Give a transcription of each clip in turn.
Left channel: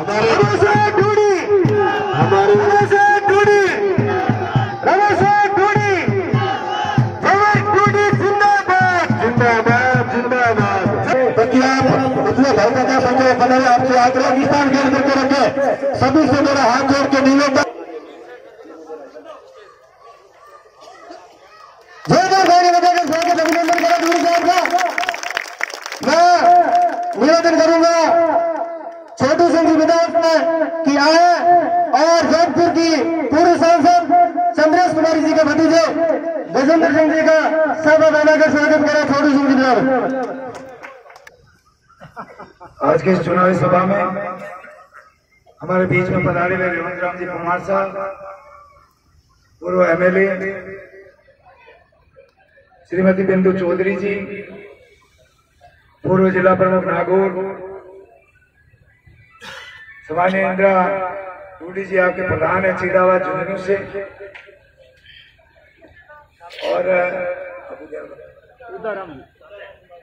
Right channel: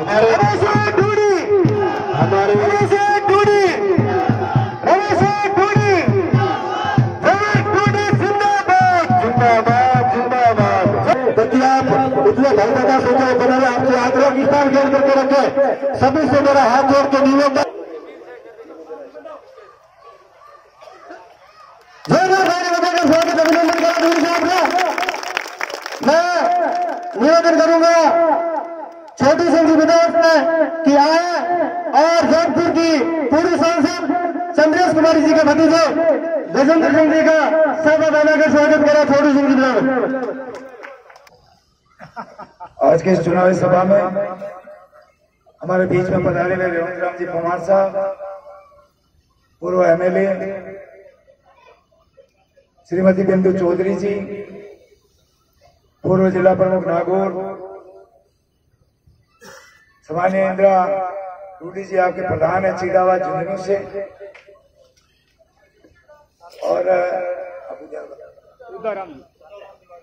हमारे आपसे आग्रह निशान ज्ञान करके रखे। सभी से मेरा हाथ जोड़ के निवेदन अभिनंदन करा गुरु साहब का। मैं निवेदन करूंगा छोटू सिंह जी विधायक में कि आए और जौनपुर की पूर्व सांसद चंद्रेश कुमारी जी के भतीजे गजेंद्र सिंह जी का सर्वदाना का स्वागत करा। छोटू सिंह जी विधायक आज की इस चुनावी सभा में हमारे बीच में पधारे हुए रेवंत राम जी कुमार साहब, पूर्व एमएलए श्रीमती बिंदु चौधरी जी, पूर्व जिला प्रमुख नागौर सामान्य इंदिरा रूडी जी आपके प्रधान है चिड़ावा झुंझुनू से, और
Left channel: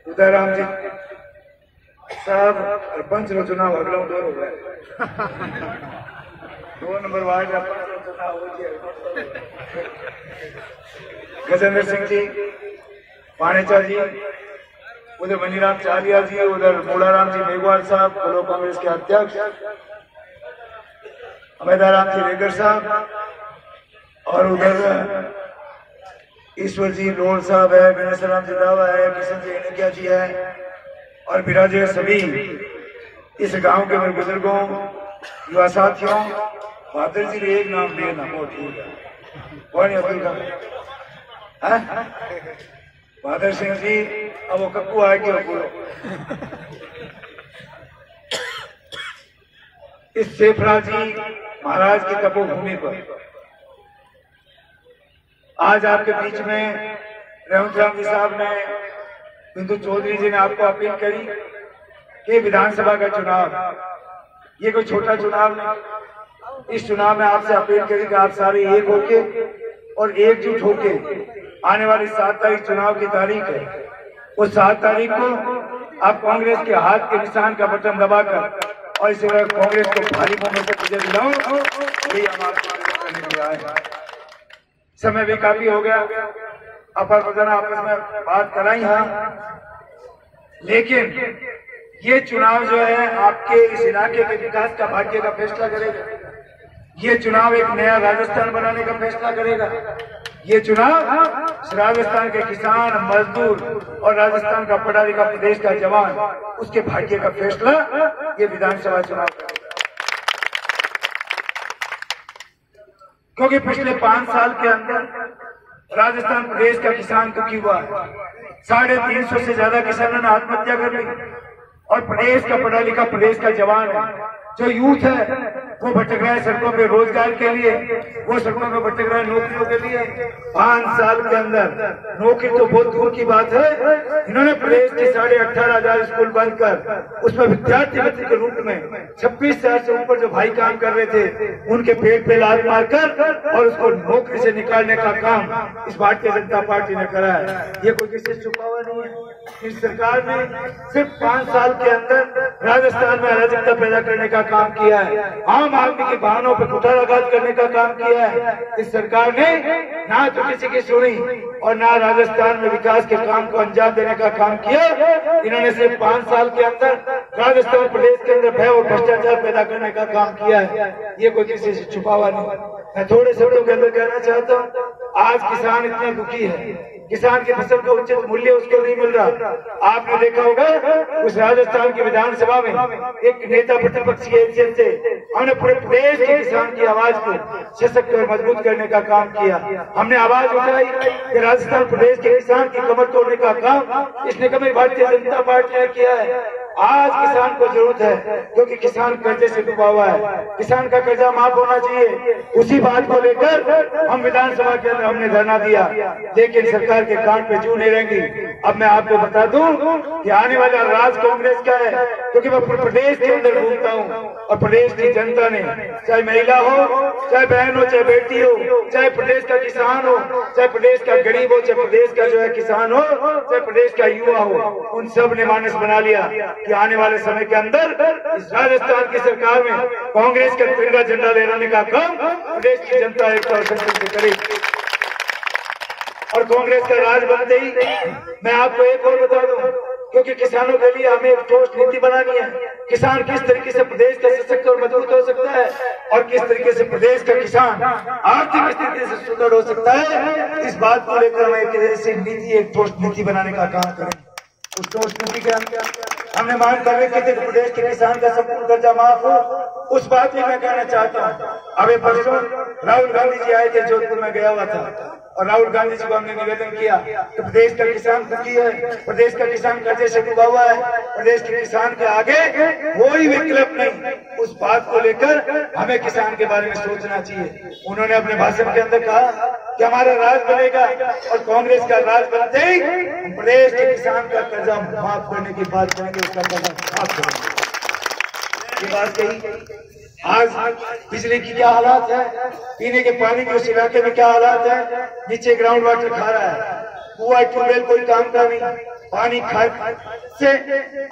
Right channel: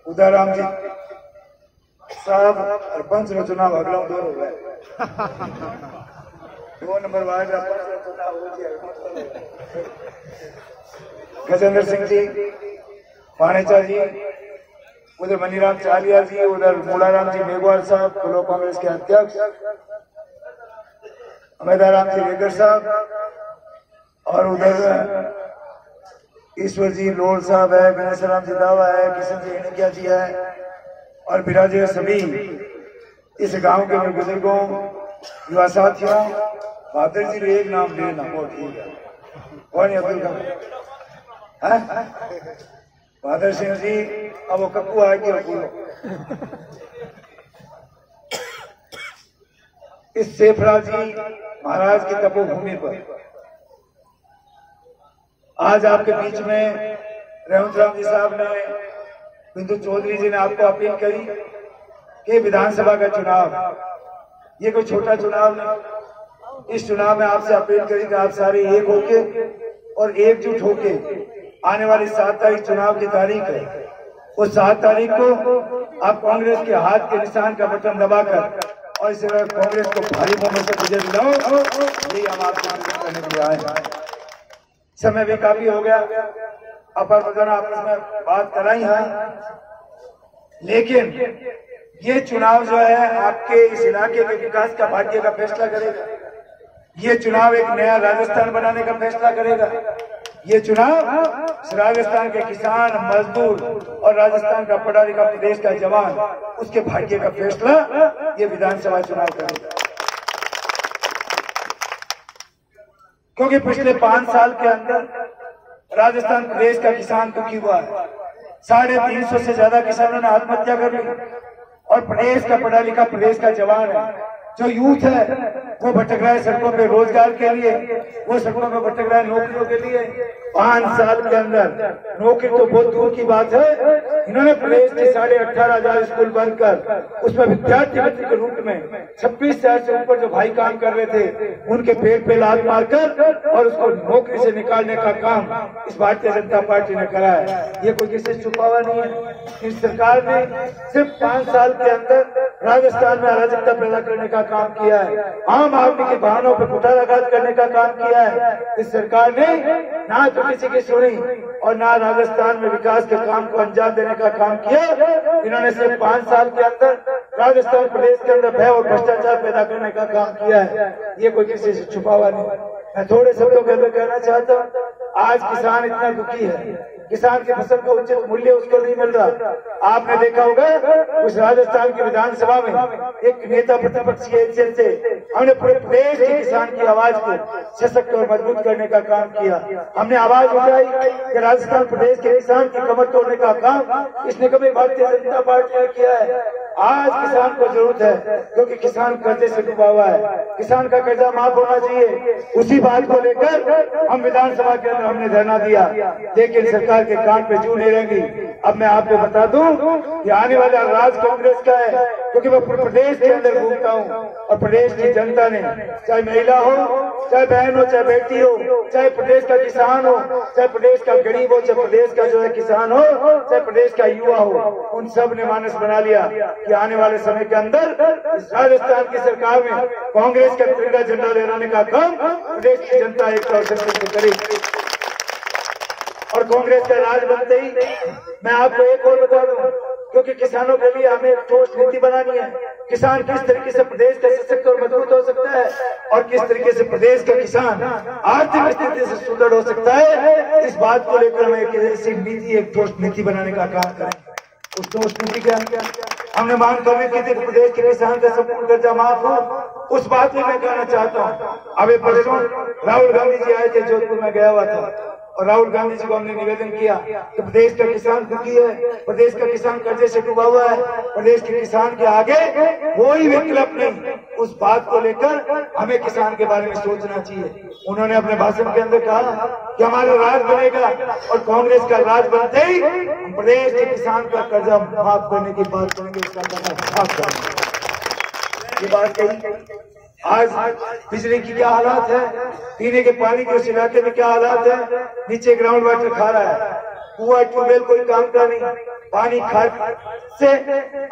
उदाराम जी साहब सरपंच रो चुनाव अगला दौर हो गया 2 नंबर वार्ड का चुनाव हो गया। गजेंद्र सिंह जी, पानेचा जी, उधर मनीराम चालिया जी, उधर मूलाराम जी मेघवाल साहब ब्लॉक कांग्रेस के अध्यक्ष, अमेदाराम जी रेगर साहब, और उधर ईश्वर जी लोल साहब है, गणेशराम जी दावा है, किशन जी इनकिया जी है, और विराजे सभी इस गांव के मेरे बुजुर्गों, युवा साथियों। बहादुर जी ने एक नाम लेना बहुत ठीक है, कौन है अब्दुल खान? बहादुर सिंह जी, अब वो कप्पू आएगी बोलो। इस सेफरा जी महाराज की तपोभूमि पर आज आपके बीच में रेवंत राम जी साहब ने, बिंदु चौधरी जी ने आपको अपील करी कि विधानसभा का चुनाव ये कोई छोटा चुनाव नहीं। इस चुनाव में आपसे अपील करी कि आप सारे एक होके और एकजुट होके आने वाली 7 तारीख चुनाव की तारीख है, उस 7 तारीख को आप कांग्रेस के हाथ के निशान का बटन दबाकर और इस कांग्रेस को भारी बहुमत से विजय दिलाओ। यही हम आपसे करने के लिए आए हैं। समय भी काफी हो गया, अपर प्रधान आपस में बात कराई है, लेकिन ये चुनाव जो है आपके इस इलाके के विकास का भाग्य का फैसला करेगा। ये चुनाव एक नया राजस्थान बनाने का फैसला करेगा। ये चुनाव राजस्थान के किसान, मजदूर और राजस्थान का पढ़ा लिखा प्रदेश का जवान, उसके भाग्य का फैसला ये विधानसभा चुनाव करेगा। क्योंकि पिछले 5 साल के अंदर राजस्थान प्रदेश का किसान दुखी हुआ है। 350 से ज्यादा किसानों ने आत्महत्या कर ली, और प्रदेश का पढ़ा लिखा प्रदेश का जवान है, जो यूथ है वो भटक रहा है सड़कों पे रोजगार के लिए, वो सड़कों पे भटक रहा है नौकरियों के लिए। 5 साल के अंदर नौकरी तो बहुत दूर की बात है, इन्होंने प्रदेश के 18,500 स्कूल बंद कर उसमें विद्यार्थी मित्र के रूप में 26,000 से ऊपर जो भाई काम कर रहे थे उनके पेट पे लात मारकर और उसको नौकरी से निकालने का काम इस भारतीय जनता पार्टी ने करा है। ये कोई किसी से छुपा हुआ नहीं है। इस सरकार ने सिर्फ 5 साल के अंदर राजस्थान में अराजकता पैदा करने का काम किया है, आम आदमी की भावनाओं पर कुठाराघात करने का काम किया है। इस सरकार ने ना तो किसी की सुनी और ना राजस्थान में विकास के काम को अंजाम देने का काम किया। इन्होंने सिर्फ 5 साल के अंदर राजस्थान प्रदेश के अंदर भय और भ्रष्टाचार पैदा करने का काम किया है। ये कोई किसी से छुपा हुआ नहीं। मैं थोड़े शब्दों के अंदर कहना चाहता हूँ, आज किसान इतना दुखी है, किसान की फसल का उचित मूल्य उसको नहीं मिल रहा। आपने देखा होगा उस राजस्थान की विधानसभा में एक नेता प्रतिपक्ष की हैसियत से हमने पूरे प्रदेश के किसान की आवाज को सशक्त और मजबूत करने का काम किया। हमने आवाज उठाई कि राजस्थान प्रदेश के किसान की कमर तोड़ने का काम इस निकम्मी भारतीय जनता पार्टी ने किया है। आज किसान को जरूरत है, क्योंकि किसान कर्जे से डूबा हुआ है, किसान का कर्जा माफ होना चाहिए। उसी बात को लेकर हम विधानसभा के अंदर हमने धरना दिया, लेकिन सरकार के कान पे जू नहीं रहेंगी। अब मैं आपको बता दूं कि आने वाला राज कांग्रेस का है, क्योंकि मैं पूरे प्रदेश के अंदर घूमता हूं और प्रदेश की जनता ने, चाहे महिला हो, चाहे बहन हो, चाहे बेटी हो, चाहे प्रदेश का किसान हो, चाहे प्रदेश का गरीब हो, चाहे प्रदेश का जो है किसान हो, चाहे प्रदेश का युवा हो, उन सब ने मानस बना लिया कि आने वाले समय के अंदर इस राजस्थान की सरकार में कांग्रेस का तिरंगा झंडा लहराने का काम प्रदेश की जनता एकता और संकल्प से करेगी। और कांग्रेस का राज बनते ही मैं आपको एक और बता दूं, क्योंकि किसानों के लिए हमें एक ठोस नीति बनानी है। किसान किस तरीके से प्रदेश का सशक्त और मजबूत हो सकता है और किस तरीके से प्रदेश का किसान आर्थिक स्थिति से सुदृढ़ हो सकता है, इस बात को लेकर हमें एक ऐसी नीति, एक ठोस नीति बनाने का काम करें। उस ठोस नीति के अंदर हमने मांग कर रखी थी कि प्रदेश के किसान का संपूर्ण कर्जा माफ हो। उस बात में मैं कहना चाहता हूँ, अभी परसों राहुल गांधी जी आए थे, जोधपुर में गया हुआ था, और राहुल गांधी जी को हमने निवेदन किया कि प्रदेश का किसान दुखी है, प्रदेश का किसान कर्जे से डूबा हुआ है, प्रदेश के किसान के आगे कोई विकल्प नहीं। उस बात को लेकर हमें किसान के बारे में सोचना चाहिए। उन्होंने अपने भाषण के अंदर कहा कि हमारा राज बनेगा और कांग्रेस का राज बनते ही हम प्रदेश के किसान का कर्जा माफ करने की बात करेंगे, उसका कर्जा माफ करेंगे। ये बात कही। आज बिजली की क्या हालात है, पीने के पानी के उस इलाके में क्या हालात है, नीचे ग्राउंड वाटर खा रहा है, कुआं ट्यूबवेल कोई काम का नहीं, पानी खा से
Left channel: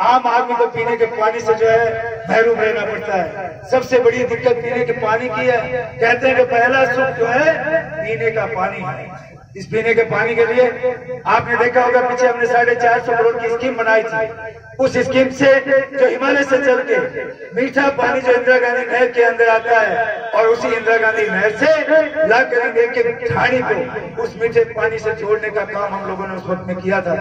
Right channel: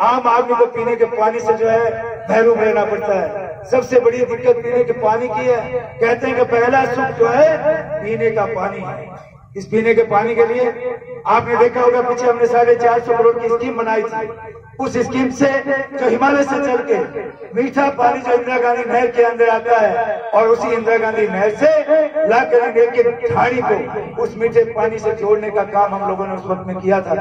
आम आदमी को पीने के पानी से जो है महरूम रहना पड़ता है। सबसे बड़ी दिक्कत पीने के पानी की है। कहते हैं कि पहला सुख जो है पीने का पानी है। इस पीने के पानी के लिए आपने देखा होगा, पीछे हमने 450 करोड़ की स्कीम बनाई थी। उस स्कीम से जो हिमालय से चल के मीठा पानी जो इंदिरा गांधी नहर के अंदर आता है, और उसी इंदिरा गांधी नहर से लाकर एक ठाणी को उस मीठे पानी से जोड़ने का काम हम लोगों ने उस वक्त में किया था।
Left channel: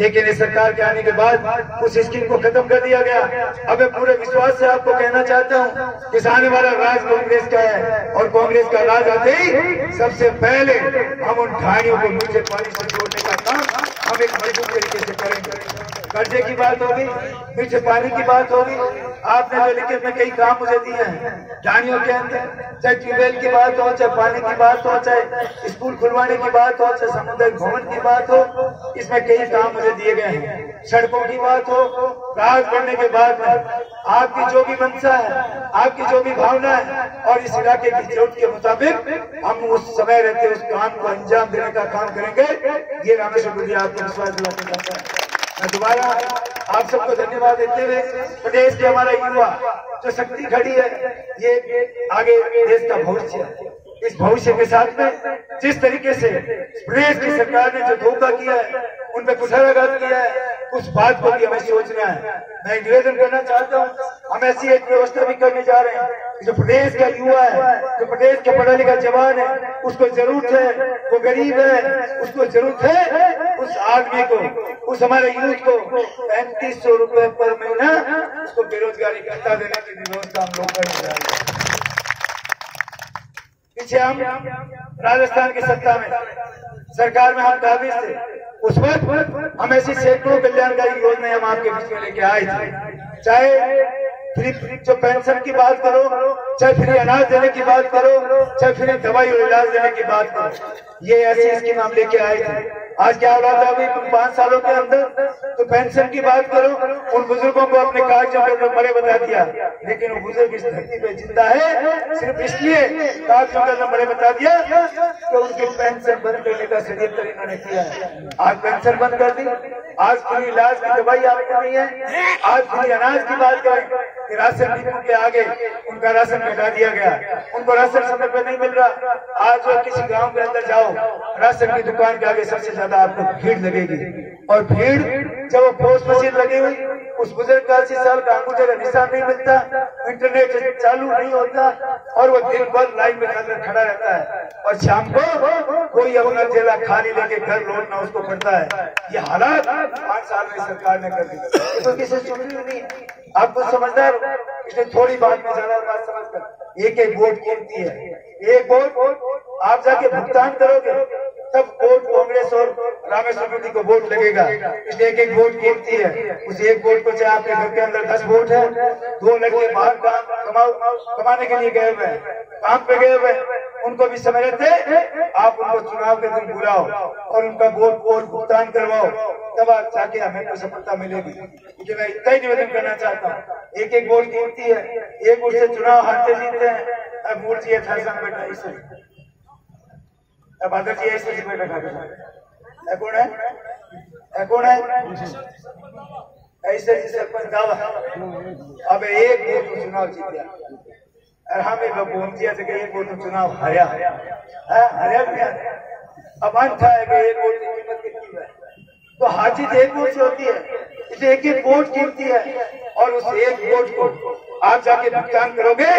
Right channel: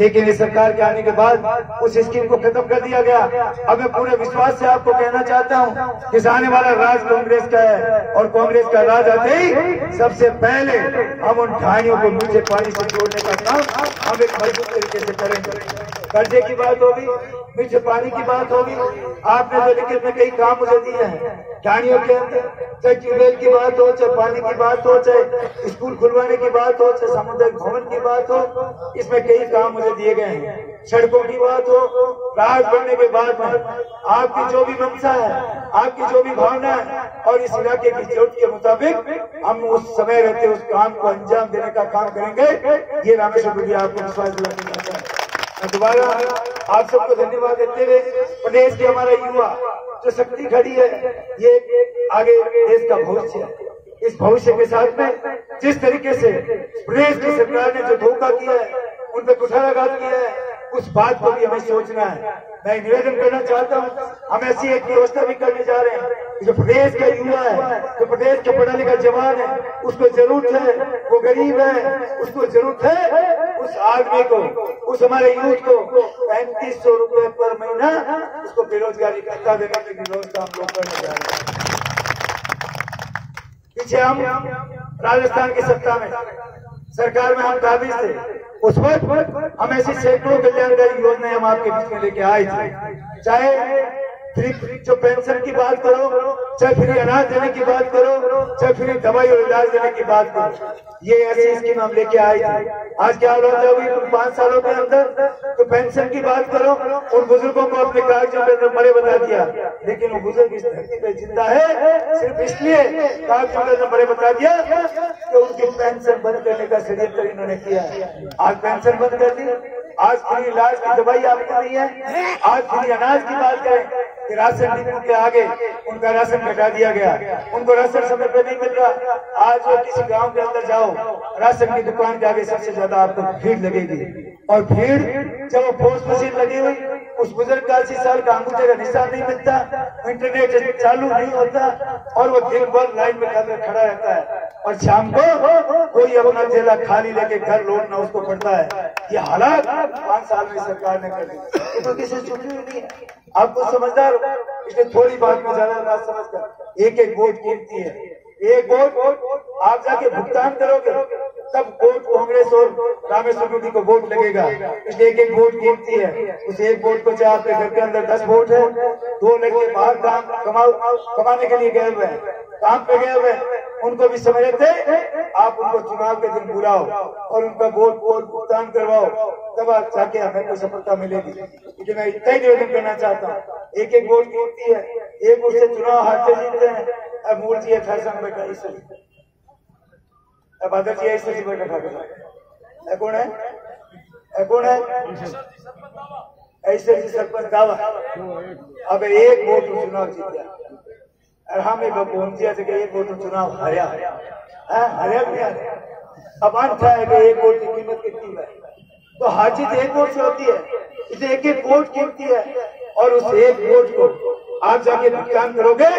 लेकिन इस सरकार के आने के बाद उस स्कीम को खत्म कर दिया गया। अब मैं पूरे विश्वास से आपको कहना चाहता हूँ, किसान हमारा राज कांग्रेस का है, और कांग्रेस का राज आते ही सबसे पहले हम उन ठाणियों को मीठे पानी से जोड़ने का काम हम एक मजबूत तरीके से करेंगे। कर्जे की बात होगी, मीठे पानी की बात होगी। आपने जो लिखित में कई काम मुझे दिए हैं ठाणियों के अंदर, चाहे ट्यूबवेल की बात हो, चाहे पानी की बात हो, चाहे स्कूल खुलवाने की बात हो, चाहे सामुदायिक भवन की बात हो, इसमें कई काम मुझे दिए गए हैं। सड़कों की बात हो, राज बनने के बाद में आपकी जो भी मंशा है, आपकी जो भी भावना है, और इस इलाके की जरूरत के मुताबिक हम उस समय रहते उस काम को अंजाम देने का काम करेंगे। ये रामेश्वर गुड़िया आपको विश्वास दिलाना चाहता है। मैं दोबारा आप सबको धन्यवाद देते हुए, प्रदेश के हमारा युवा जो शक्ति खड़ी है, ये आगे देश का भविष्य है। इस भविष्य के साथ में जिस तरीके से प्रदेश की सरकार ने जो धोखा किया है, उन पर कुठाराघात किया है, उस बात को भी हमें सोचना है। मैं निवेदन करना चाहता हूँ, हम ऐसी एक व्यवस्था भी करने जा रहे हैं, जो प्रदेश का युवा है, जो प्रदेश का पढ़ा लिखा जवान है, उसको जरूरत है, वो गरीब है, उसको जरूरत है, उस आदमी को, उस हमारे यूथ को 3500 रुपए पर महीना उसको बेरोजगारी भत्ता देने की व्यवस्था हम लोग करने जा रहे हैं। पीछे हम राजस्थान की सत्ता में, सरकार में हम काबिज थे, उस वक्त हम ऐसी सैकड़ों कल्याणकारी योजनाएं हम आपके बीच में लेके आए थे। चाहे फ्री जो पेंशन की बात करो, चाहे फ्री अनाज देने की बात करो, चाहे फ्री दवाई और इलाज देने की बात करो, ये ऐसी स्कीम हम लेके आए थे। आज क्या हो रहा था अभी 5 सालों के अंदर, तो पेंशन की बात करो, उन बुजुर्गों को अपने कागजों के अंदर मरे बता दिया, लेकिन वो बुजुर्ग इस धरती पे जिंदा है सिर्फ इसलिए कागजों के अंदर मरे बता दिया कि उनकी पेंशन बंद करने का षड्यंत्र इन्होंने किया। आज पेंशन बंद कर दी, आज फ्री इलाज की दवाई आपको नहीं है, आज फ्री अनाज की बात करें, राशन डिपो के आगे उनका राशन घटा दिया गया, उनको राशन समय पे नहीं मिल रहा। आज जो किसी गांव के अंदर जाओ, राशन की दुकान के आगे सबसे ज्यादा आपको भीड़ लगेगी, और भीड़ जब वो पोस्ट मशीन लगी हुई, उस बुजुर्ग का 80 साल का अंगूठे का निशान नहीं मिलता, इंटरनेट चालू नहीं होता, और वो दिन भर लाइन में खड़ा रहता है, और शाम को कोई अपना थैला खाली लेके घर लौटना उसको पड़ता है। ये हालात 5 साल में सरकार ने कर दी, तो किसी छुट्टी नहीं। आपको समझदार इसलिए थोड़ी बात में ज्यादा बात समझकर, एक एक वोट कीमती है, एक वोट आप जाके भुगतान करोगे तब वोट कांग्रेस और रामेश्वर गुड़ी को वोट लगेगा, इसलिए एक एक वोट कीमती है। उस एक वोट को, चाहे आपके घर के अंदर 10 वोट है, 2 लड़के बाहर कमाने के लिए गए हुए हैं, काम पे गए हुए हैं, उनको भी समझ थे, आप उनको चुनाव के दिन बुलाओ और उनका वोट भुगतान करवाओ, तब जाके हमें कोई सफलता मिलेगी। क्योंकि मैं इतना ही निवेदन करना चाहता हूँ, एक एक वोट कीमती है, एक वोट से चुनाव हारते जीतते हैं। अब मूर्ति था संग बेटा इसे, अब आदर जी ऐसे ही बैठा कौन है, कौन है ऐसे ही सरपंच दावा अब एक वोट तो चुनाव जीत गया और हम एक पहुंचिया से एक वोट तो चुनाव हरिया हरिया अब अंत है कि एक वोट की कीमत कितनी है, तो हर चीज एक वोट से होती है, इसे एक एक वोट कीमती है और उस एक वोट को आप जाके भुगतान करोगे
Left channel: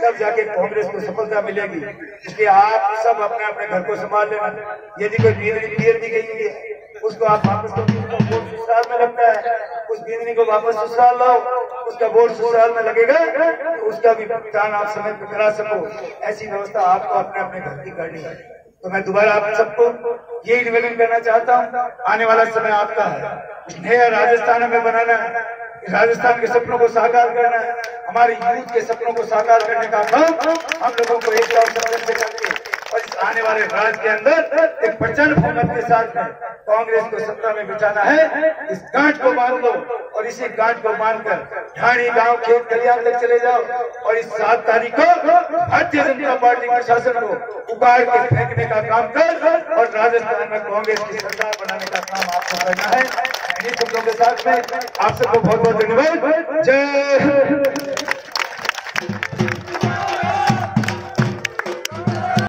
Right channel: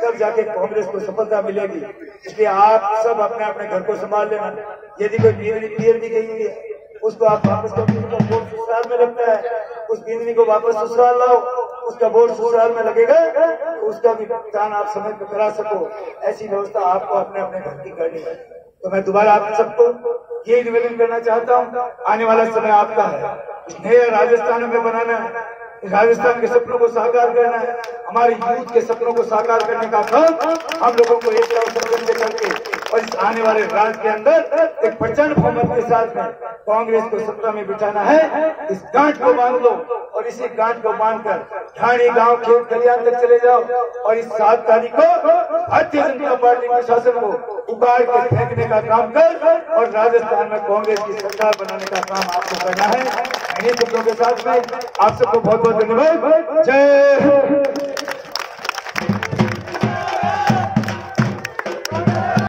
तब जाके कांग्रेस को सफलता मिलेगी। इसलिए आप सब अपने अपने घर को संभाल लेना। यदि कोई बीयर भी गई हुई है उसको आप वापस वोट ससुराल में लगता है, उस बींदनी को वापस ससुराल लाओ, उसका वोट ससुराल में लगेगा तो उसका भी भुगतान आप समय पर करा सको। ऐसी व्यवस्था आपको अपने अपने घर की करनी है। तो मैं दोबारा आप सबको यही निवेदन करना चाहता हूँ, आने वाला समय आपका है, नया राजस्थान में बनाना है, राजस्थान के सपनों को साकार करना है, हमारे यूथ के सपनों को साकार करने का काम हम लोगों को एक साथ संघर्ष करके और इस आने वाले राज्य के अंदर एक प्रचंड बहुमत के साथ में कांग्रेस को सत्ता में बिठाना है। इस गांठ को बांध लो और इसी गांठ को बांधकर ढाणी गांव खेत खलियान तक चले जाओ और इस 7 तारीख को भारतीय जनता पार्टी के शासन को उगाड़ के फेंकने का काम कर और राजस्थान में कांग्रेस की सरकार बनाने का काम आपको करना है। इन्हीं शब्दों के साथ में आप सबको बहुत बहुत धन्यवाद। जय